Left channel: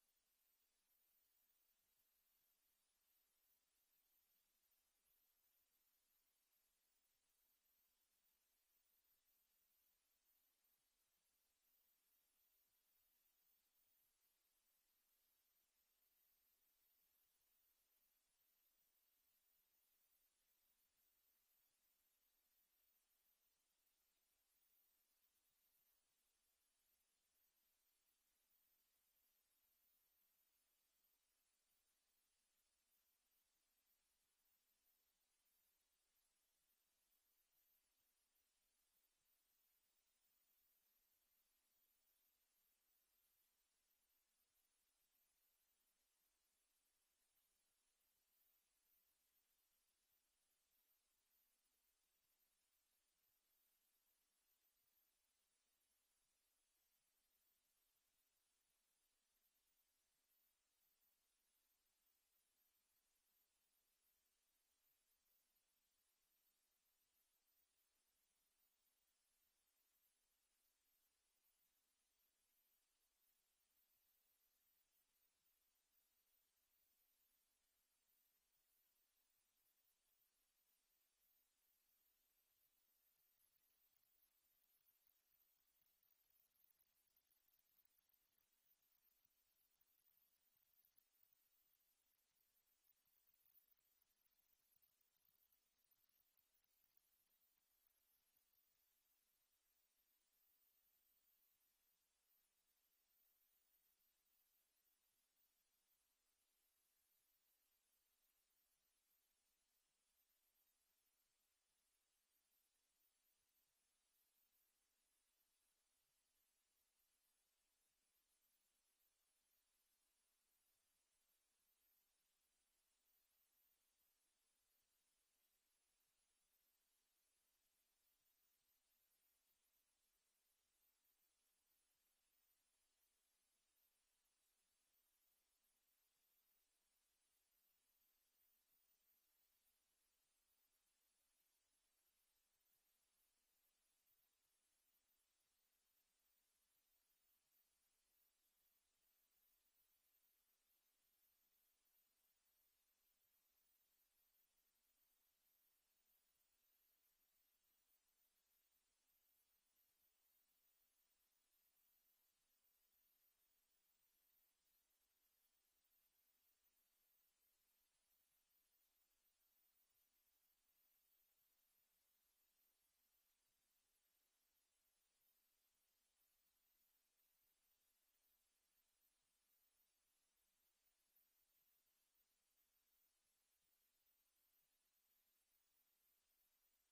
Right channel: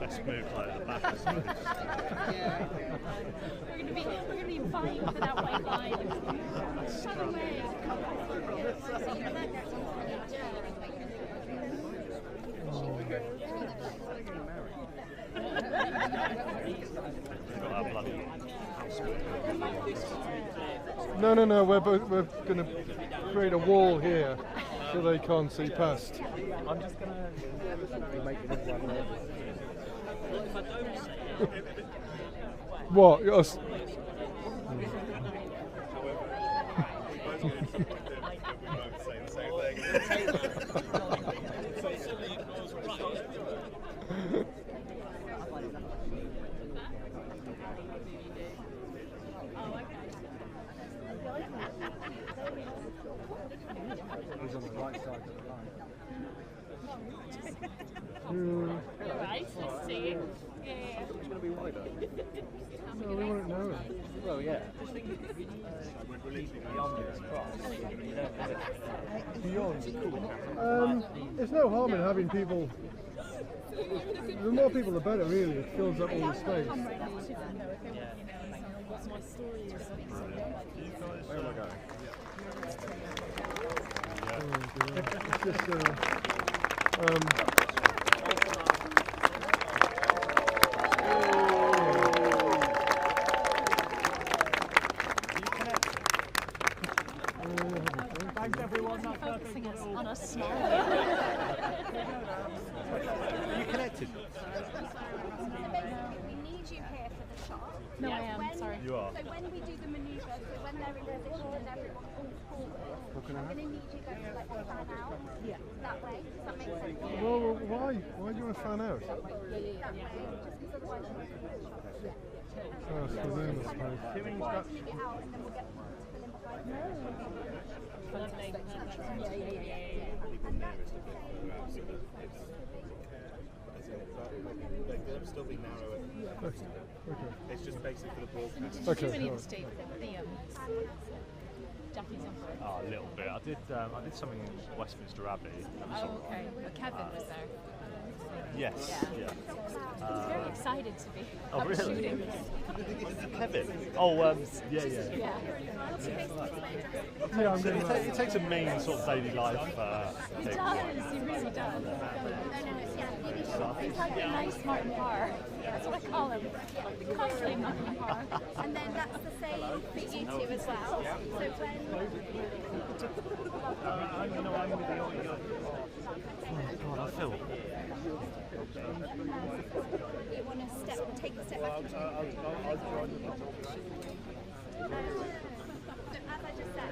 Best move like at the back, I suppose. We're gonna be vying for that white line. Shut away. No, we're going to create a wall here so they can't see past. I'm just going to make it one there. What? Us? He's on the right side of the line. Nice to see you. Yeah. It's going to be wider. No, we won't know. Well, yeah. Beyond this cross, you don't have it. Beyond. There's no harm in having people. The more people, the better. Really, it fills up all the space. Where am I going? It's just Thanks everyone. Focusing us on us small. Are you connected? We need you here for the shot. No, I am. Sorry. You are. So when we do the manoeuvre, so when they're in position and everyone pulls forward, I'm going to need you guys to like fan out. Yeah. That way. Does that make sense? well, why? Why do you want to fan out? That way. Just because otherwise you're not going to shot. Oh, it's for them, I suppose. Try to make it out and then we'll get people to fill in behind you. They're still being narrower. It's just basically for the broadcast. Okay. Too many of the state the Japanese Emperor. Oh, a little bit. I did something in Westminster Abbey. Oh, okay. Kevin was there. Yes. Yeah. He's very excited to be really? shooting. Kevin. Oh, yeah. Yeah. Yeah, I'm going to. It takes a mean sort of daily life He thing. does. He really does. He's like a nice Martin Parr. That's what I call him. Constantly Martin Parr. And then that's the same for you two as well. So when God, I feel. you want to take a step back into so as I just said,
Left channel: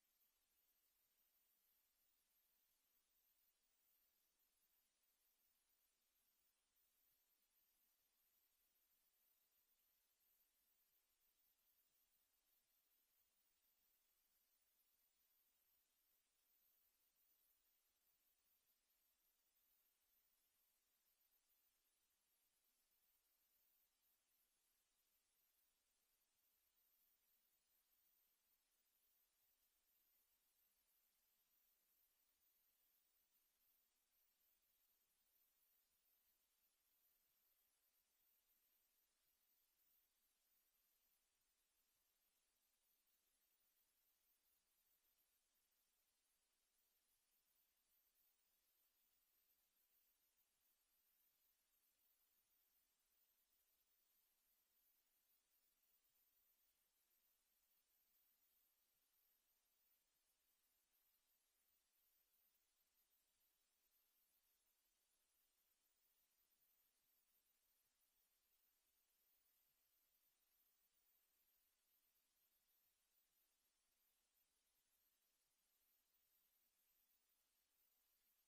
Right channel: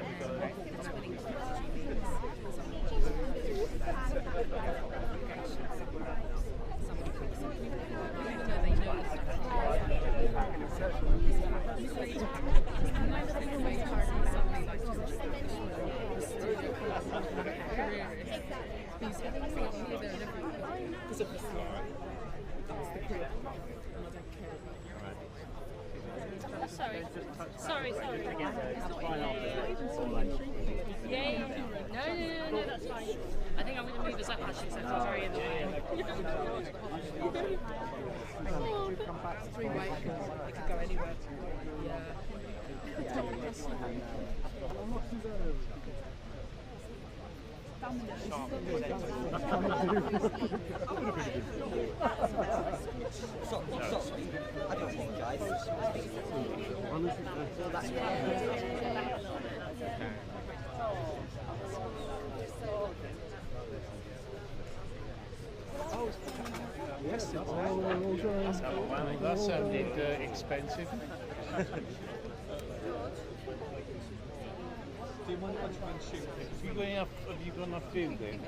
Sorry. Yeah. No, that's fine. I think I'm going to move us up actually, so it's all very in the way. Come back 3 ways, it could go anywhere. Yes, That sounded expensive. Do you mind if I try and shoot? Have you got enough fuel then?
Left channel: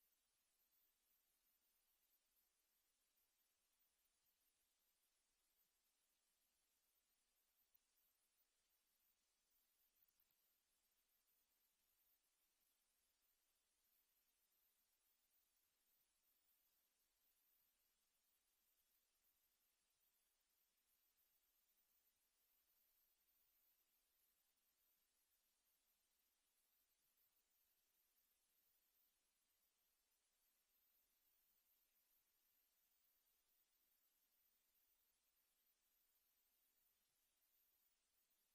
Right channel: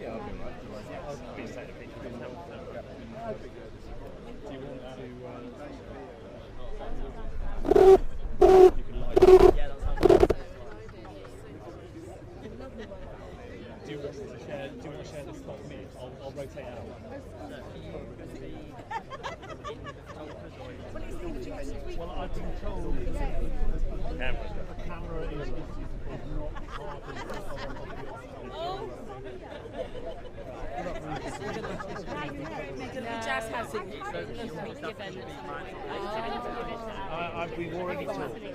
Yeah, I'll be right. I'll be safe. Do you want to... You can light it. Yeah, that sounds good. Do you want to share the spot with me? I'll rotate out. Well, I've been told the camera is not hard. We've already talked. Okay,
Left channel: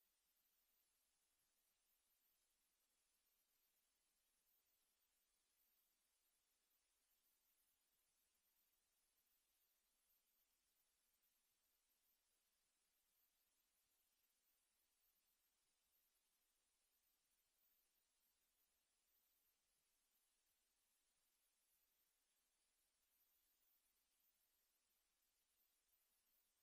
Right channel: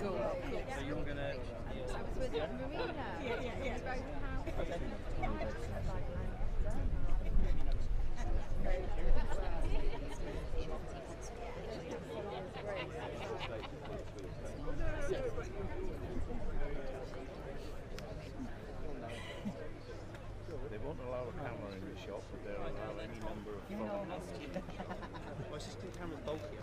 cool. So you're gonna. They won't allow a camera in the shop, but they'll allow any number of phones. Well, it's just the camera's bulky.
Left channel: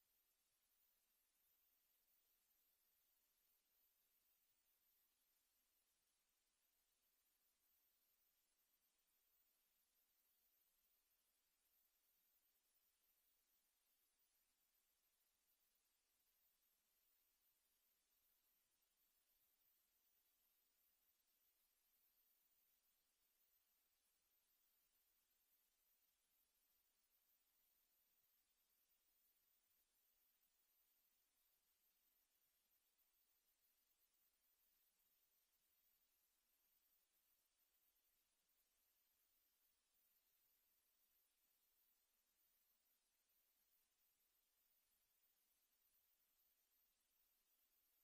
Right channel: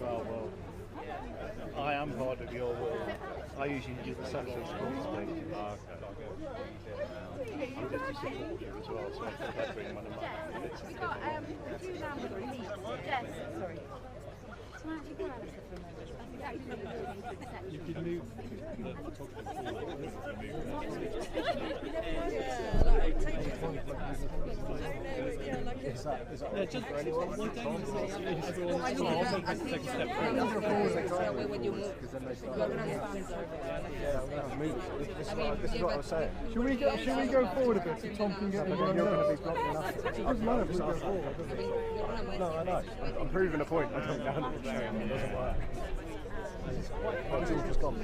Well, I am part of your world. I usually use the social responsibility. I'm just a supporter as well, so I think I bring one of my minutes. We've got a few numbers on each. Yes, sorry. You could move. Yeah, just one thing. Everyone's I take a step forward. When you move, your hands This is what I was saying. Should we go forward a bit so Tom can get the one? You're going to be blocking enough. It doesn't matter if we go forward, does it? No, I know. I'm proving a point. I come down and show him it doesn't work. One's all just gone.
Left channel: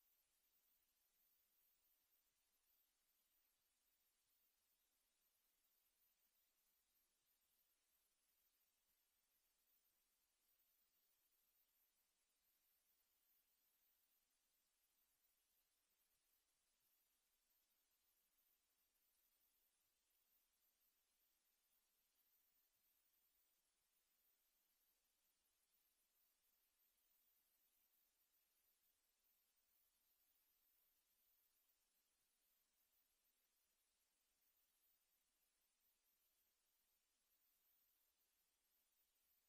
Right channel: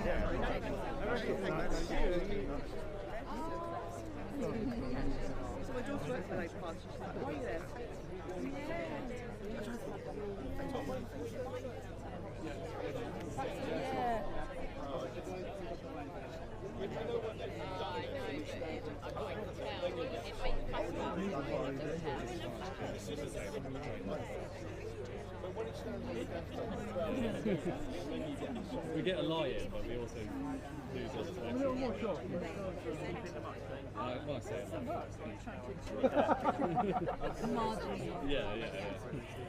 We get a lie in, but we also lose other stuff. A little more shot. Well, I say it like that. Yeah.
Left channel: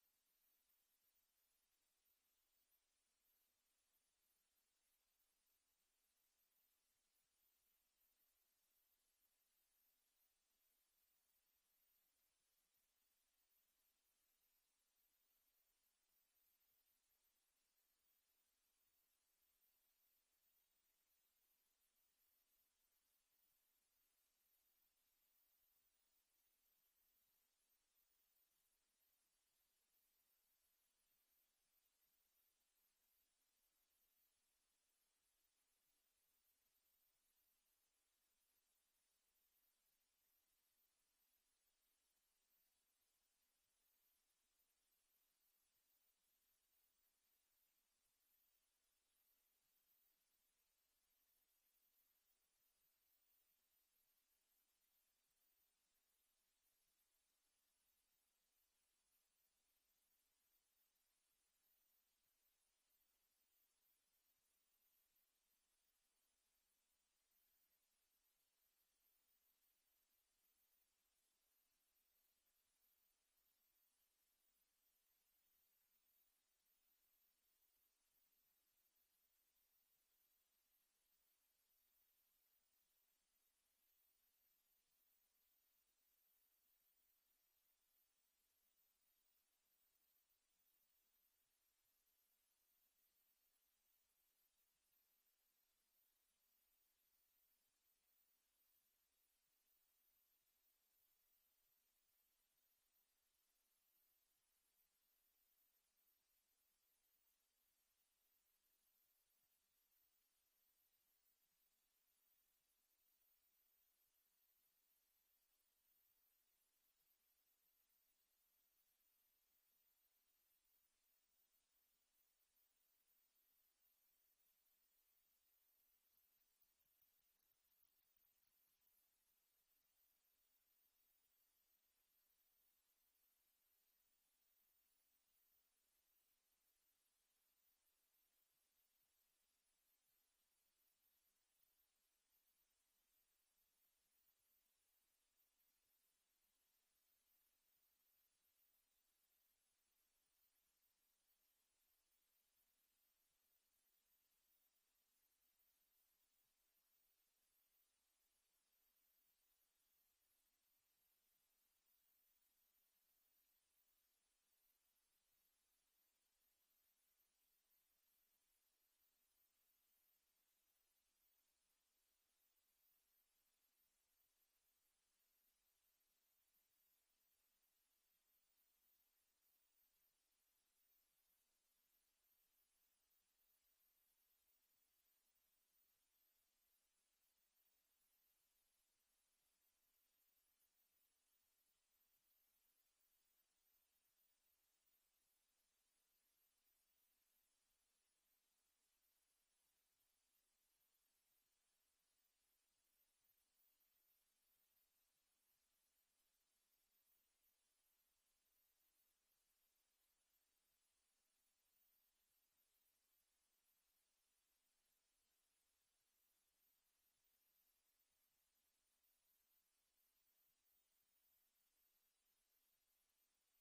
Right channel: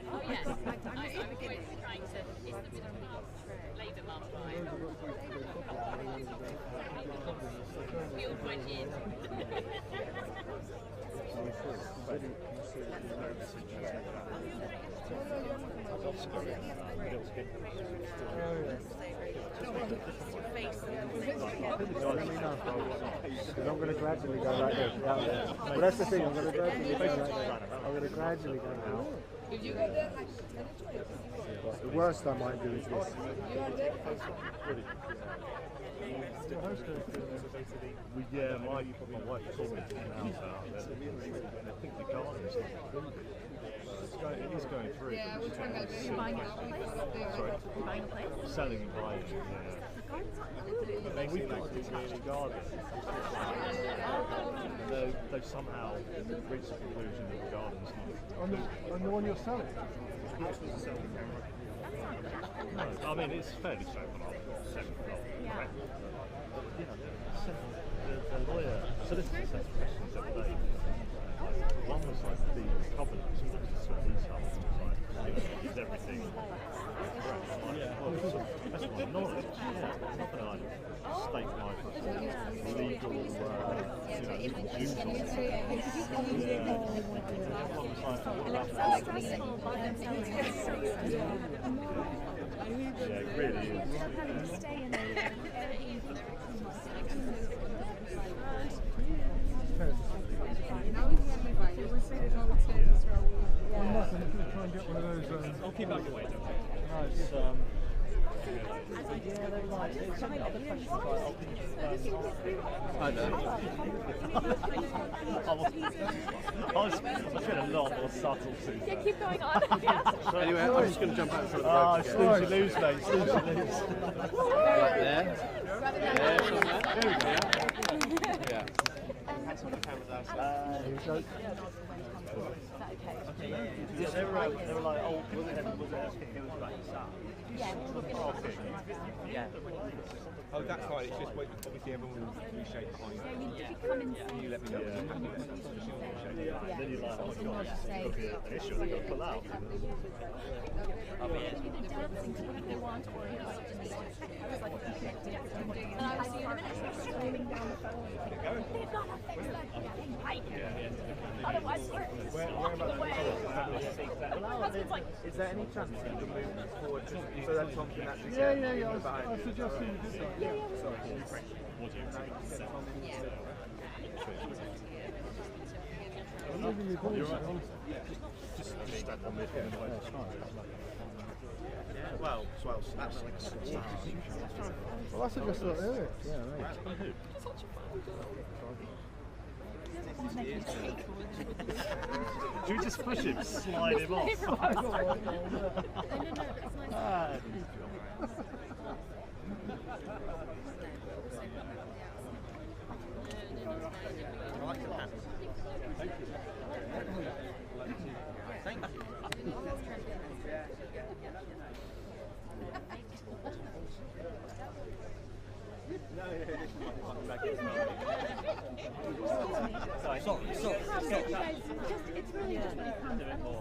Oh yes, I'm always trying to. It's the middle of Labour mum vibe. We all join in. Because I'm going to gradually go like this. Well, that's the thing. I'm going to gradually go like that. I'm going to gradually go now. The worst I might do is this. Yeah, my wife told me to come out about it. I think the garden is not building. It is going through. Yeah, we're trying to go buying a place. Sorry? Buying a place? Selling and buying, yeah. But we've got this really garden. They've somehow reached the conclusion that the garden's not. On the one you're selling? No, I mean, it's fairly safe enough. Correct. The lawyer, solicitor said questions the other day. One was like the covenants, what was the sort of leasehold, is everything. That's what knowledge. Yeah, not going to stake my legal, legal dues on it. Yeah, it really is. I'm not going to try and get one of those. I'll keep out your way, don't worry. It's, I know. I was feeling a lot more subtle too. Yeah, keep going on. Yeah. Anyway, I'm just going to jump out in front of the road. Snooze you lose, mate. Snooze you lose. Right there. There we go. Yeah. Yeah, they were like, oh, was it back south? Yeah. Oh, that's right. It's just wait. Obviously, everyone will shake behind you. You let me know. Then you're like, oh my god, this could be an issue. They've got to pull out. Is there any chance you can move forward so that Tom can actually Yeah. I was suggesting we did that. Yeah. You're right. Just step on mid and away. Well, that's like a star. Well, that's just like earlier. Yeah, right. Do you just push him, slide him off? Ah.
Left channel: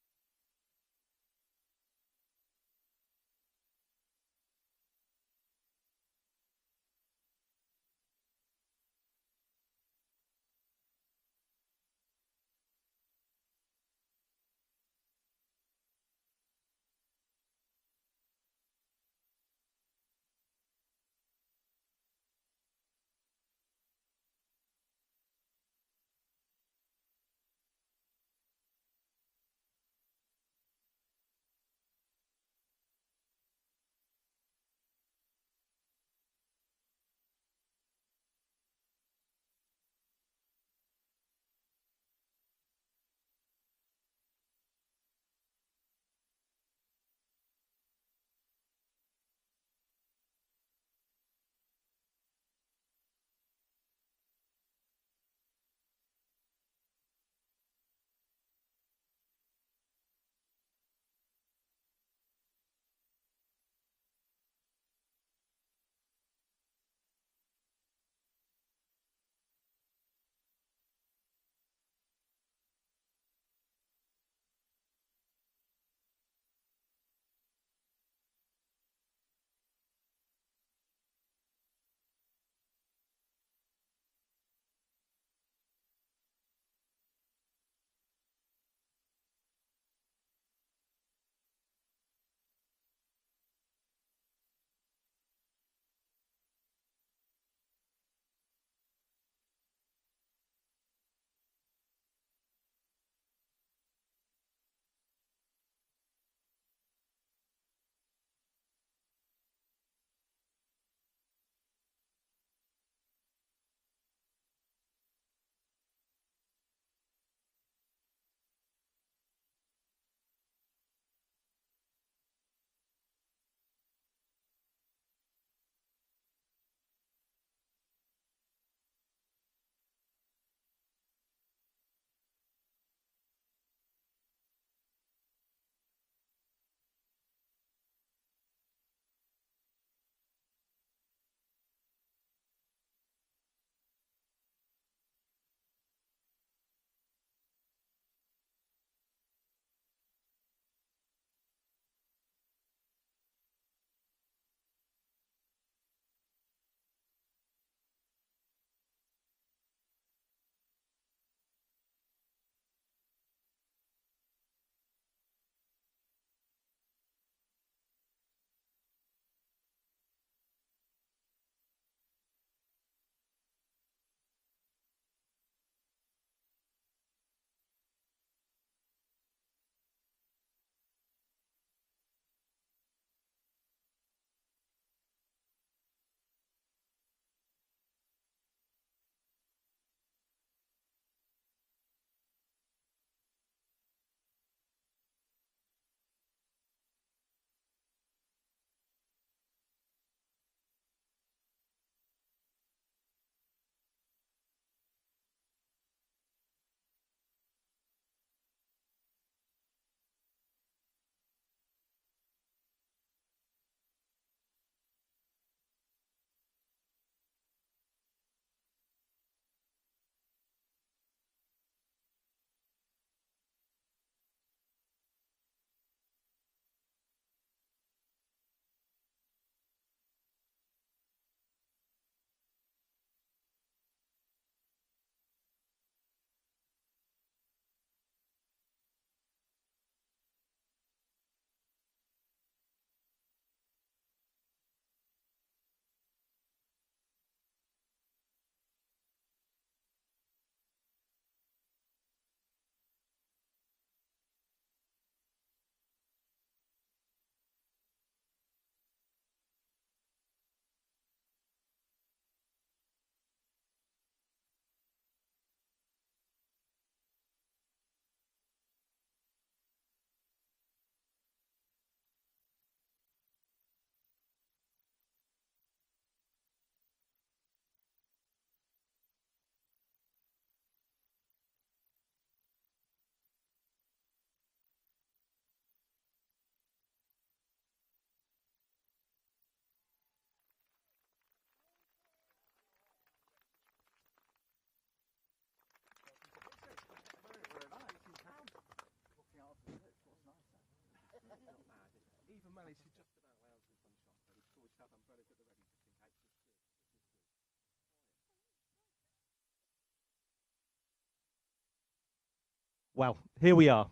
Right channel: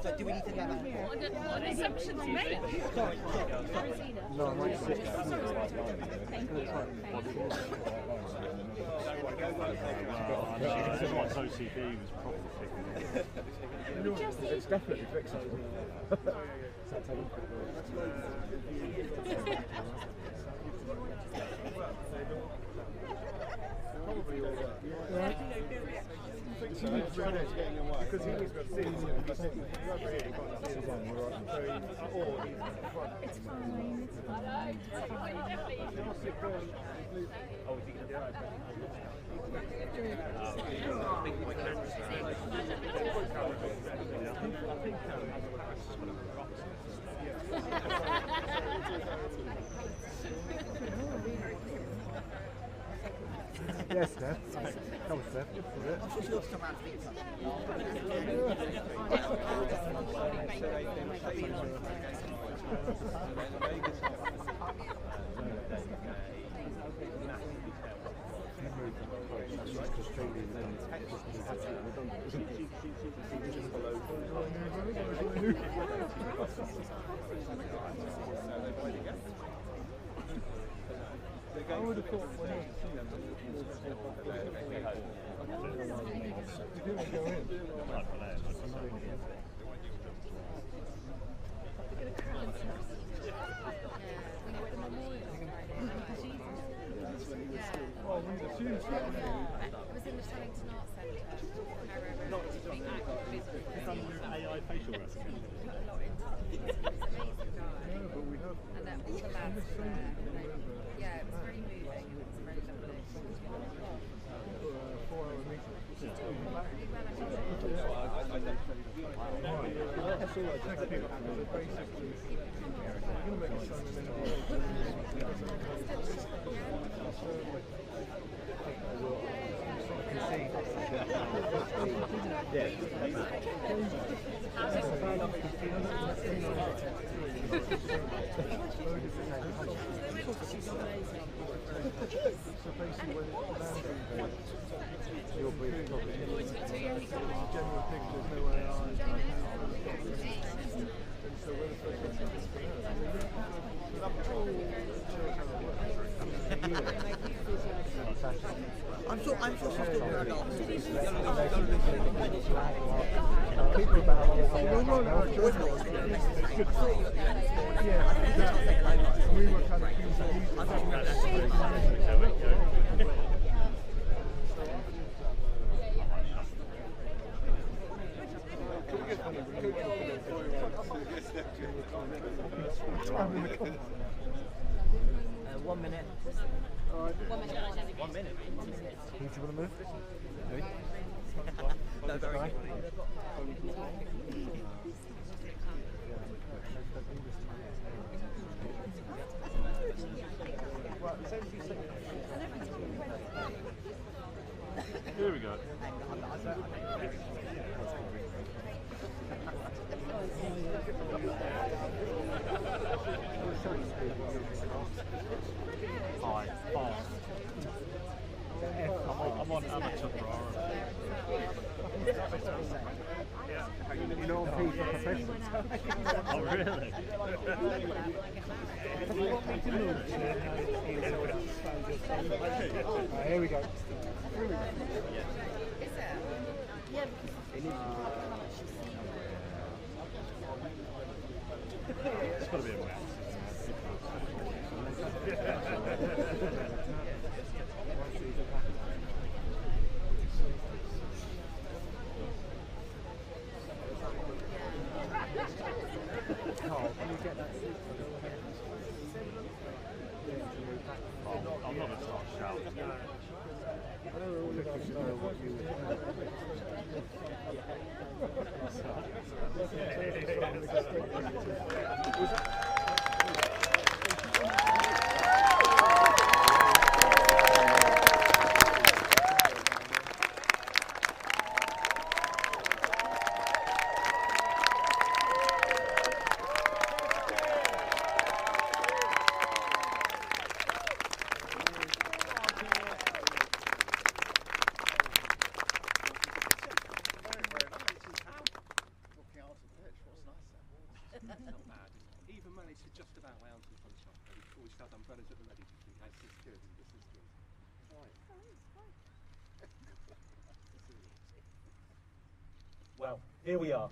So do we need to get that? What an assumption to make. No, I might sit down. This is what OCD was probably thinking. It's definitely fixable. Because he was going to see it, whoever it is, can't see it. So It's fine. Yes, Steph. Come on, Steph. I'm sure she'll come around to speak to us. I would have thought when I was go in. Oh, we assumed so. It was in the Shellington Arts Centre. AI facial recognition. But we have. And then all the lads were there. Yeah, it was very moving. It was very lovely. 4-hour meeting. That's all I just think of. Basically, we're going to make a sign and then so basically when it's you'll be probably general pictures, no AI. And so when it's I'm sure she'll still wear a dog. people about we were kind of One minute. 1 minute. Do you want to move? No, very good. Here we go. Hi, fast. I'm on amateur priority. You know, people are professionals. Oh, really? Here we go. It's got to be a mouse. know what you Even managed to just about out in sunshine. Before we start umbrellas at the ready. This is good. This is good. Well, here we are,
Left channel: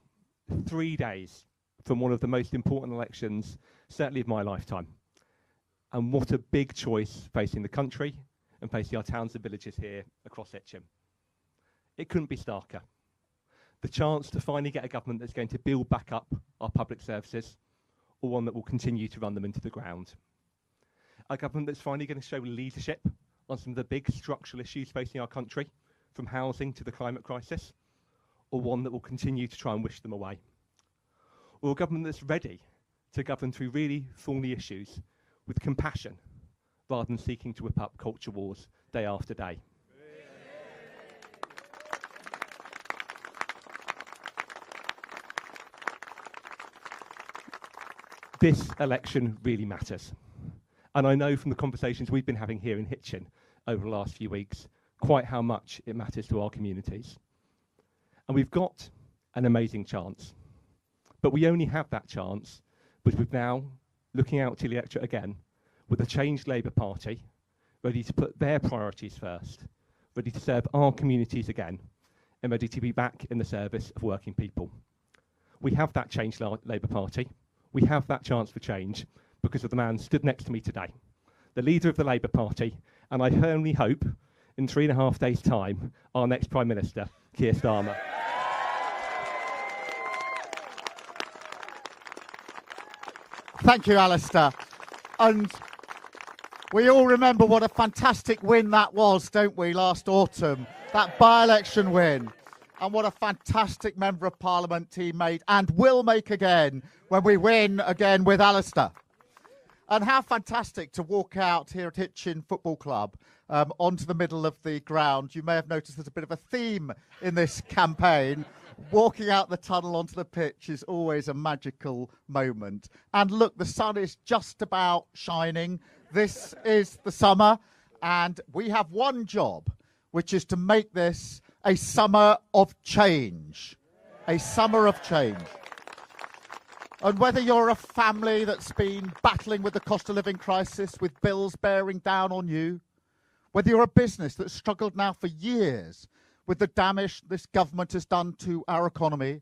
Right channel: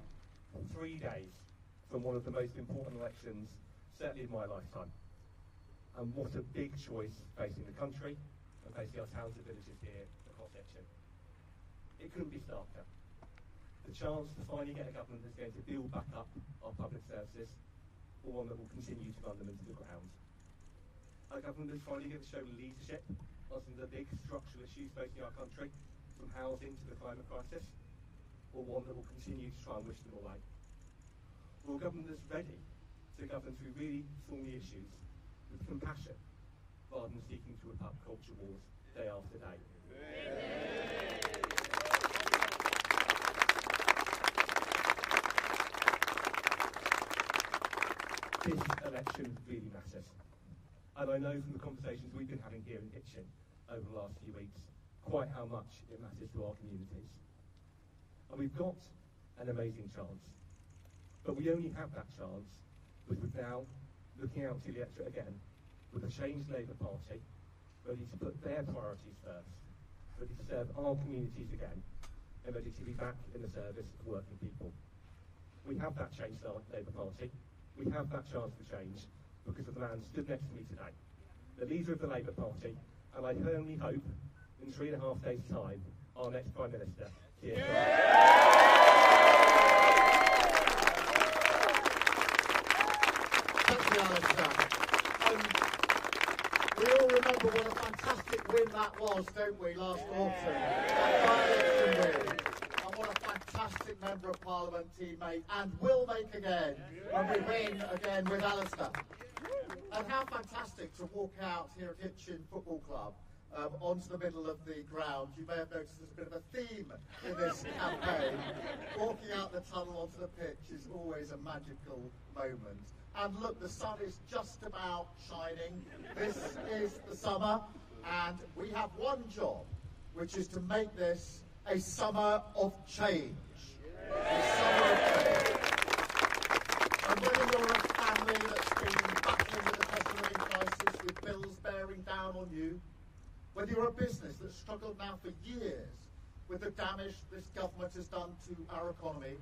3 days from one of the most important elections, certainly of my lifetime. And what a big choice facing the country and facing our towns and villages here across Hitchin. It couldn't be starker. The chance to finally get a government that's going to build back up our public services, or one that will continue to run them into the ground. A government that's finally going to show leadership on some of the big structural issues facing our country, from housing to the climate crisis, or one that will continue to try and wish them away. Or a government that's ready to govern through really thorny issues with compassion, rather than seeking to whip up culture wars day after day. This election really matters. And I know from the conversations we've been having here in Hitchin over the last few weeks, quite how much it matters to our communities. And we've got an amazing chance. But we only have that chance because we're now looking out to the electorate again with a changed Labour Party, ready to put their priorities first, ready to serve our communities again, and ready to be back in the service of working people. We have that changed Labour Party. We have that chance for change because of the man stood next to me today, the leader of the Labour Party, and I firmly hope in 3.5 days' time, our next Prime Minister, Keir Starmer. Thank you, Alistair. And we all remember what a fantastic win that was, don't we, last autumn? That by-election win. And what a fantastic Member of Parliament he made and will make again when we win again with Alistair. And how fantastic to walk out here at Hitchin Football Club onto the middle of the ground. You may have noticed there's a bit of a theme in this campaign. Walking out the tunnel onto the pitch is always a magical moment. And look, the sun is just about shining. This is the summer, and we have one job, which is to make this a summer of change. A summer of change. And whether you're a family that's been battling with the cost of living crisis, with bills bearing down on you, whether you're a business that's struggled now for years with the damage this government has done to our economy,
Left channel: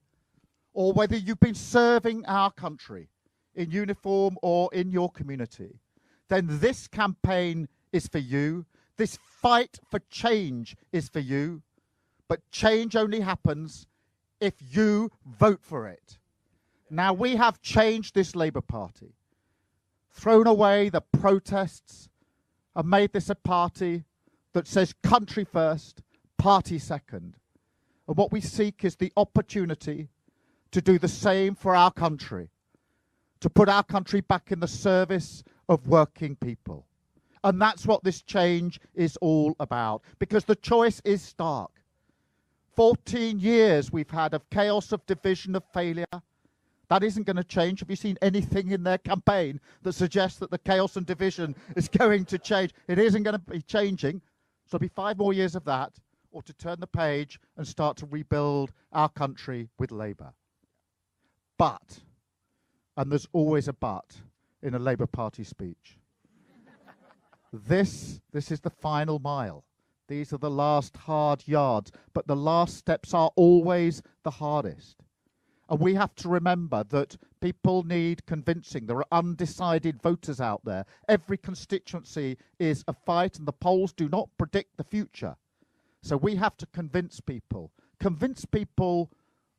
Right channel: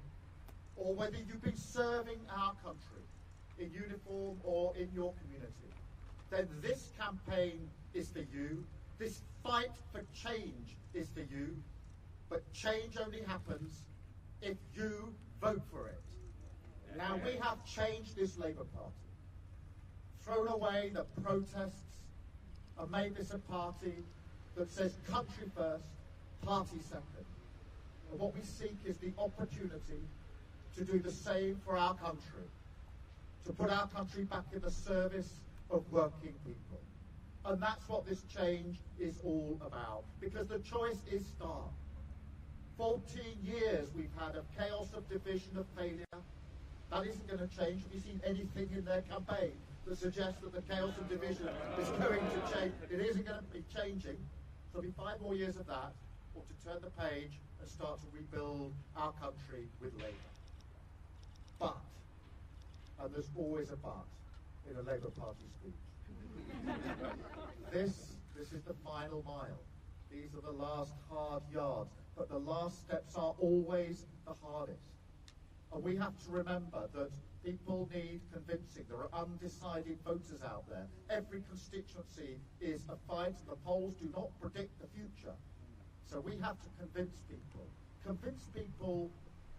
or whether you've been serving our country in uniform or in your community, then this campaign is for you. This fight for change is for you. But change only happens if you vote for it. Now, we have changed this Labour Party, thrown away the protests, and made this a party that says country first, party second. And what we seek is the opportunity to do the same for our country, to put our country back in the service of working people. And that's what this change is all about, because the choice is stark. 14 years we've had of chaos, of division, of failure. That isn't going to change. Have you seen anything in their campaign that suggests that the chaos and division is going to change? It isn't going to be changing. So it'll be 5 more years of that, or to turn the page and start to rebuild our country with Labour. But, and there's always a but in a Labour Party speech, this is the final mile. These are the last hard yards, but the last steps are always the hardest. And we have to remember that people need convincing. There are undecided voters out there. Every constituency is a fight, and the polls do not predict the future. So we have to convince people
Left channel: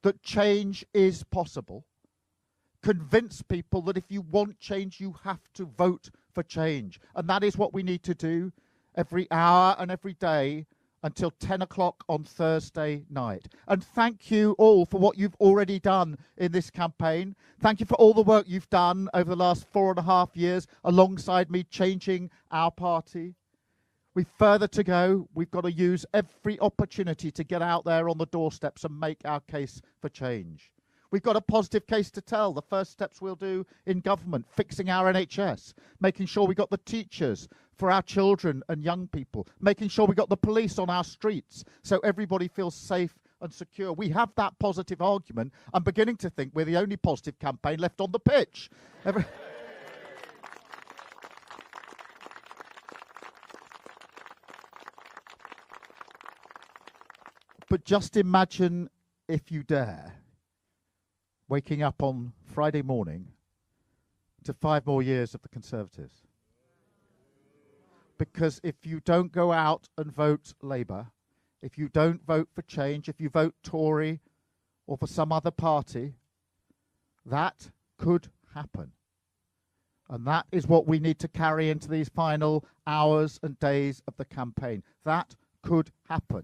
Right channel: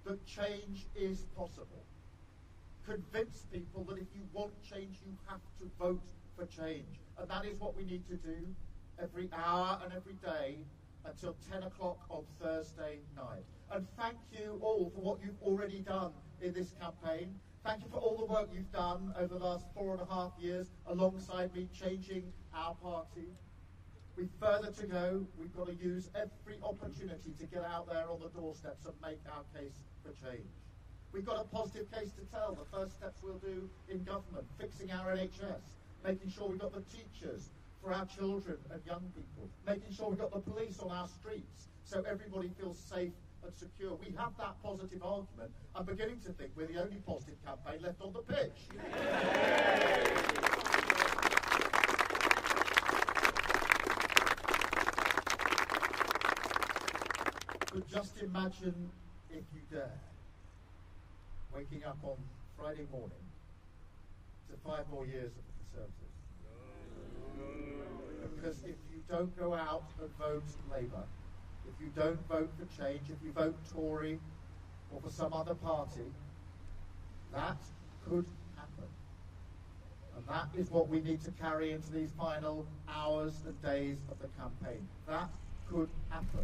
that change is possible. Convince people that if you want change, you have to vote for change. And that is what we need to do every hour and every day until 10 o'clock on Thursday night. And thank you all for what you've already done in this campaign. Thank you for all the work you've done over the last 4.5 years alongside me changing our party. We've further to go. We've got to use every opportunity to get out there on the doorsteps and make our case for change. We've got a positive case to tell. The first steps we'll do in government, fixing our NHS, making sure we got the teachers for our children and young people, making sure we got the police on our streets so everybody feels safe and secure. We have that positive argument. I'm beginning to think we're the only positive campaign left on the pitch. But just imagine, if you dare, waking up on Friday morning to 5 more years of the Conservatives. Because if you don't go out and vote Labour, if you don't vote for change, if you vote Tory or for some other party, that could happen. And that is what we need to carry into these final hours and days of the campaign. That could happen.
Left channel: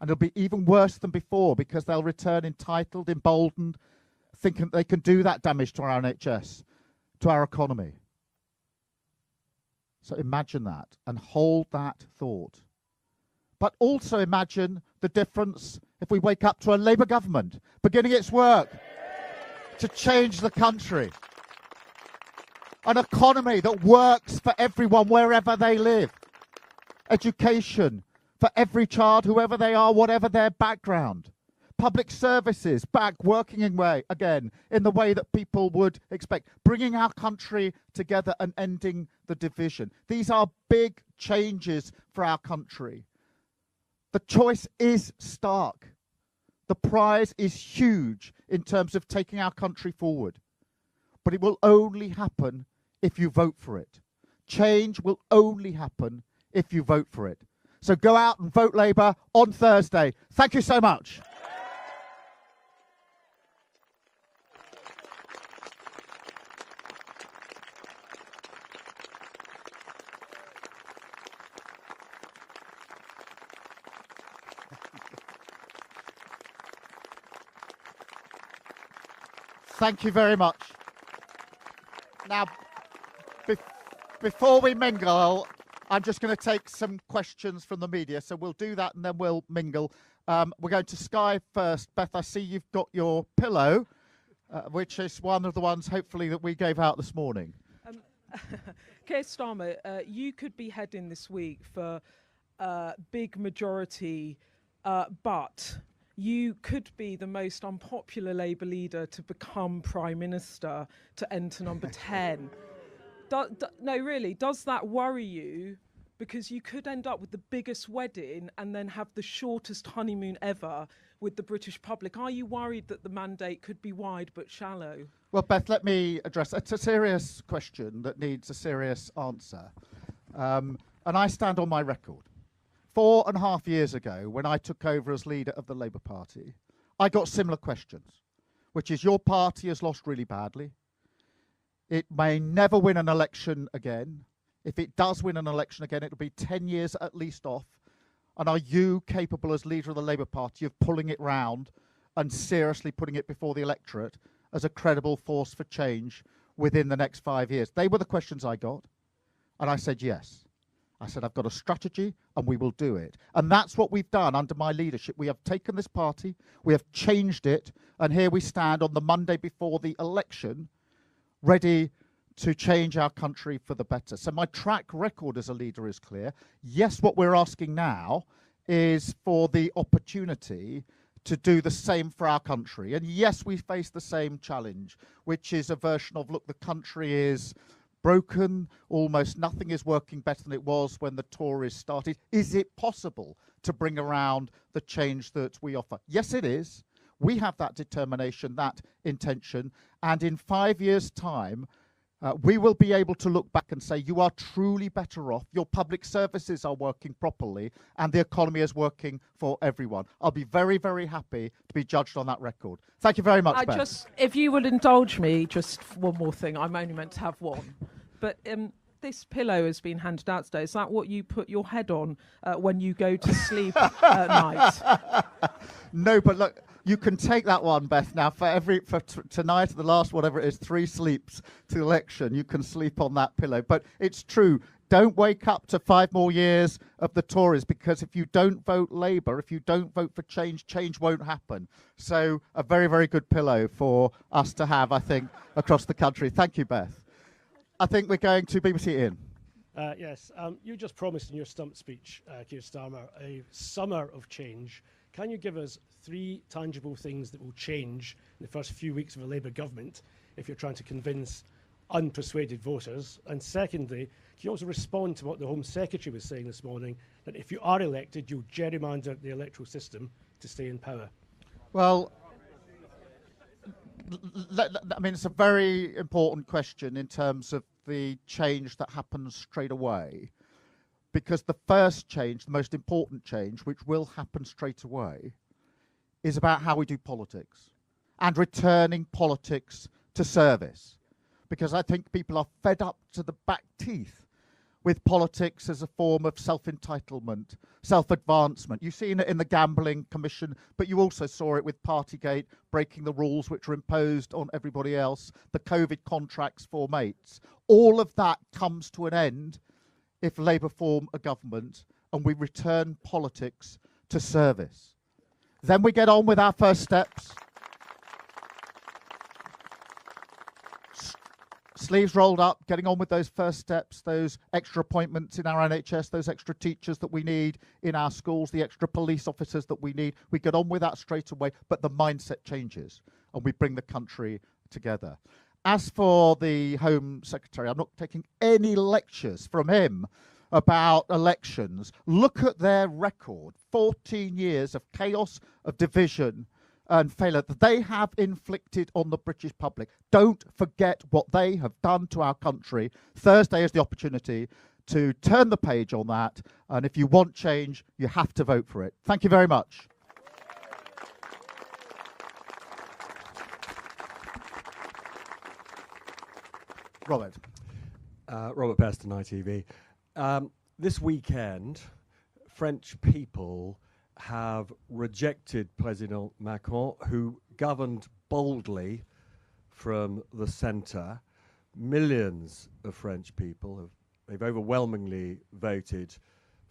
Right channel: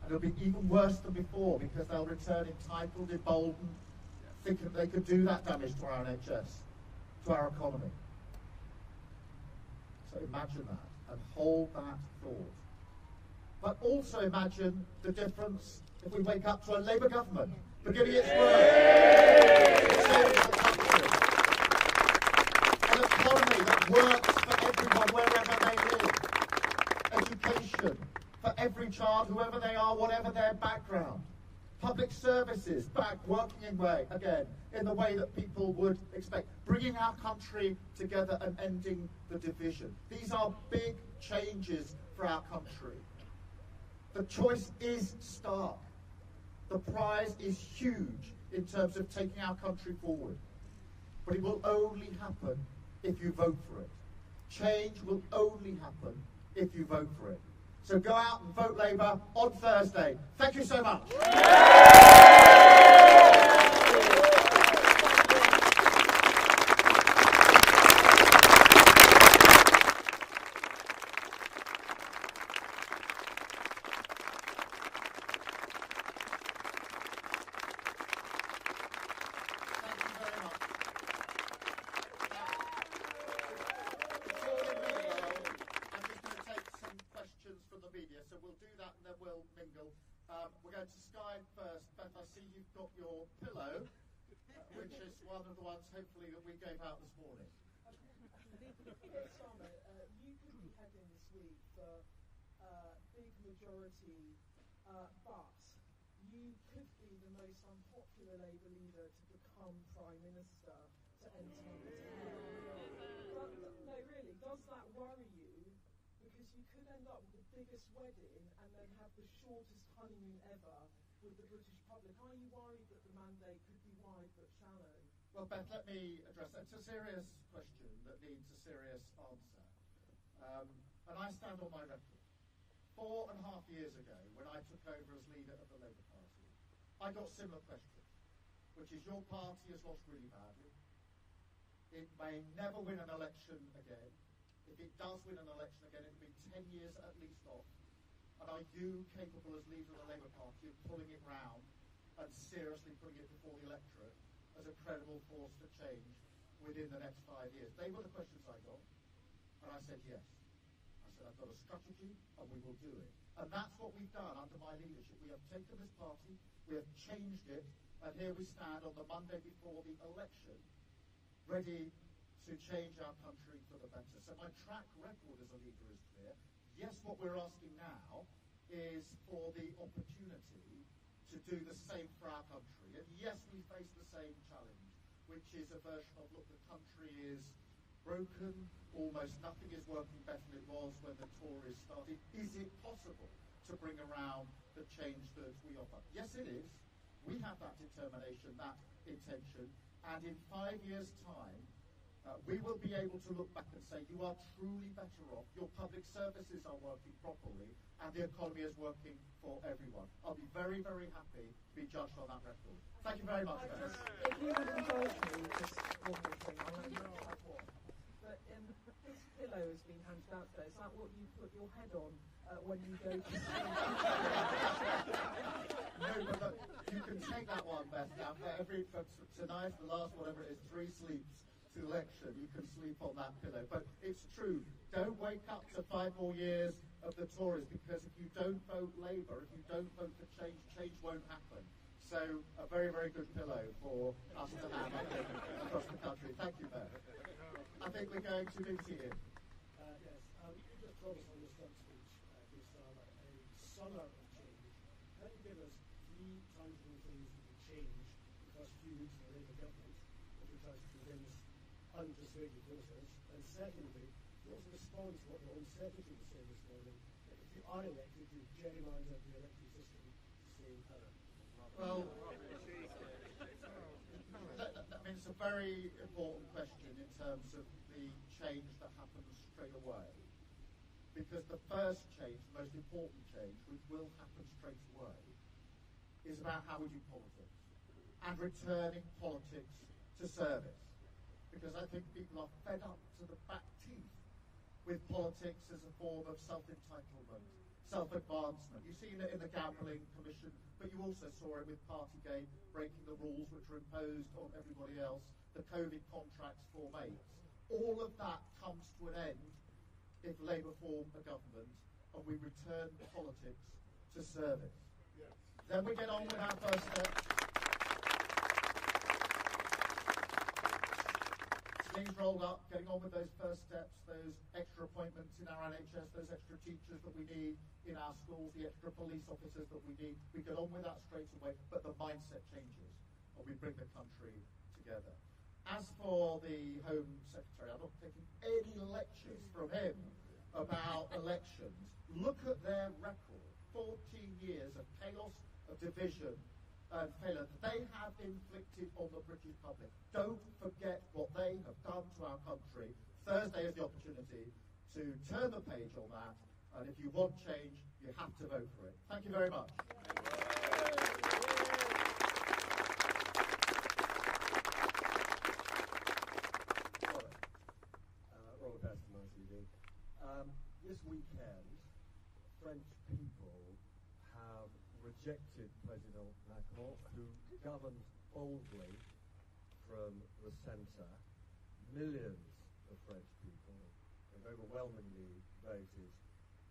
And it'll be even worse than before because they'll return entitled, emboldened, thinking they can do that damage to our NHS, to our economy. So imagine that and hold that thought. But also imagine the difference if we wake up to a Labour government beginning its work to change the country. An economy that works for everyone wherever they live. Education for every child, whoever they are, whatever their background. Public services back working again in the way that people would expect. Bringing our country together and ending the division. These are big changes for our country. The choice is stark. The prize is huge in terms of taking our country forward. But it will only happen if you vote for it. Change will only happen if you vote for it. So go out and vote Labour on Thursday. Thank you so much. Thank you very much. Now, before we mingle, I'm just going to take some questions from the media. So we'll do that and then we'll mingle. We're going to Sky first. Beth, I see you've got your pillow, which is one of the ones, hopefully, that we gave out this morning. Keir Starmer, you could be heading this week for big majority, but you could be the most unpopular Labour leader to become Prime Minister to enter number 10. No, really, does that worry you? Because you could end up with the biggest wedding and then have the shortest honeymoon ever with the British public. Are you worried that the mandate could be wide but shallow? Well, Beth, let me address it. It's a serious question that needs a serious answer. And I stand on my record. 4.5 years ago, when I took over as leader of the Labour Party, I got similar questions, which is your party has lost really badly. It may never win an election again. If it does win an election again, it'll be 10 years at least off. And are you capable as leader of the Labour Party of pulling it round and seriously putting it before the electorate as a credible force for change within the next 5 years? They were the questions I got. And I said yes. I said, I've got a strategy and we will do it. And that's what we've done under my leadership. We have taken this party, we have changed it, and here we stand on the Monday before the election, ready to change our country for the better. So my track record as a leader is clear. Yes, what we're asking now is for the opportunity to do the same for our country. And yes, we face the same challenge, which is a version of, look, the country is broken, almost nothing is working better than it was when the Tories started. Is it possible to bring around the change that we offer? Yes, it is. We have that determination, that intention, and in 5 years' time, we will be able to look back and say, you are truly better off, your public services are working properly, and the economy is working for everyone. I'll be very, very happy to be judged on that record. Thank you very much, Beth. If you would indulge me, just one more thing. I'm only meant to have one. But this pillow has been handed out today. Is that what you put your head on when you go to sleep at night? No, but look, you can take that one, Beth. Now, for tonight, the last whatever it is, 3 sleeps to election, you can sleep on that pillow. But it's true. Don't wake up to 5 more years of the Tories, because if you don't vote Labour, if you don't vote for change, change won't happen. So a very, very good pillow for us to have, I think, across the country. Thank you, Beth. I think we're going to BBC Ian. Yes, you just promised in your stump speech, Keir Starmer, a summer of change. Can you give us 3 tangible things that will change in the first few weeks of a Labour government if you're trying to convince unpersuaded voters? And secondly, can you also respond to what the Home Secretary was saying this morning, that if you are elected, you'll gerrymander the electoral system to stay in power? Well, I mean, it's a very important question in terms of the change that happens straight away. Because the first change, the most important change, which will happen straight away, is about how we do politics and returning politics to service. Because I think people are fed up to the back teeth with politics as a form of self-entitlement, self-advancement. You've seen it in the Gambling Commission, but you also saw it with Partygate, breaking the rules which were imposed on everybody else, the COVID contracts for mates. All of that comes to an end if Labour form a government and we return politics to service. Then we get on with our first steps. Sleeves rolled up, getting on with those first steps, those extra appointments in our NHS, those extra teachers that we need in our schools, the extra police officers that we need. We get on with that straight away, but the mindset changes and we bring the country together. As for the Home Secretary, I'm not taking any lectures from him about elections. Look at their record, 14 years of chaos, of division and failure that they have inflicted on the British public. Don't forget what they have done to our country. Thursday is the opportunity to turn the page on that, and if you want change, you have to vote for it. Thank you very much. Robert. Robert Peston, ITV. This weekend, French people have rejected President Macron, who governed boldly from the centre. Millions of French people they've overwhelmingly voted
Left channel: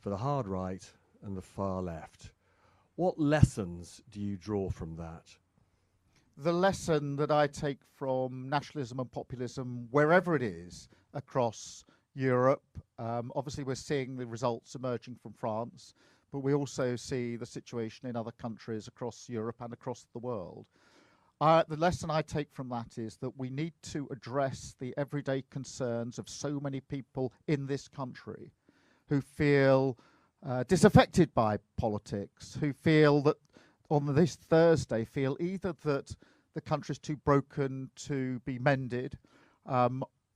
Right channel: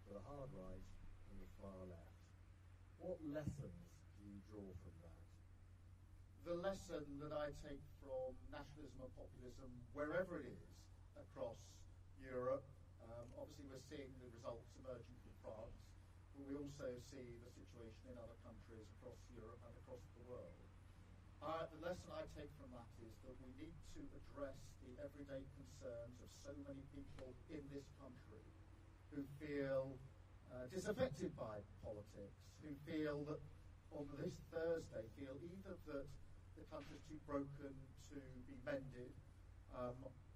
for the hard right and the far left. What lessons do you draw from that? The lesson that I take from nationalism and populism, wherever it is across Europe, obviously we're seeing the results emerging from France, but we also see the situation in other countries across Europe and across the world. The lesson I take from that is that we need to address the everyday concerns of so many people in this country who feel disaffected by politics, who feel that on this Thursday feel either that the country's too broken to be mended,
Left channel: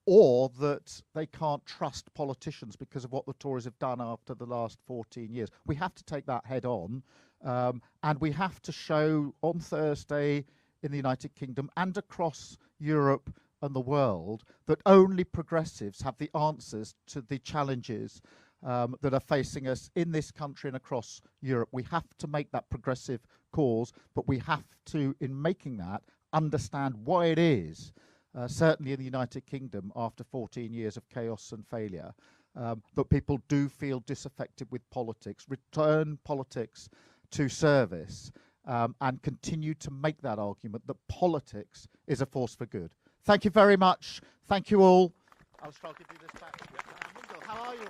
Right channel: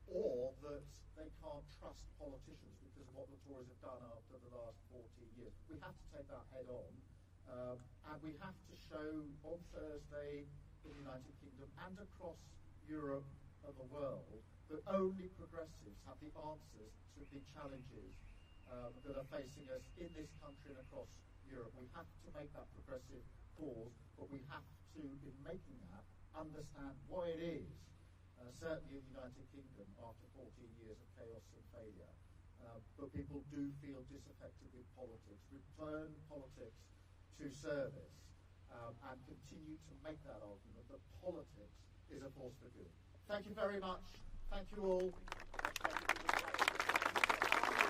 or that they can't trust politicians because of what the Tories have done after the last 14 years. We have to take that head on, and we have to show on Thursday in the United Kingdom and across Europe and the world that only progressives have the answers to the challenges that are facing us in this country and across Europe. We have to make that progressive cause, but we have to, in making that, understand why it is, certainly in the United Kingdom after 14 years of chaos and failure, that people do feel disaffected with politics, return politics to service, and continue to make that argument that politics is a force for good. Thank you very much. Thank you all. I'll start giving this back to you. How are you?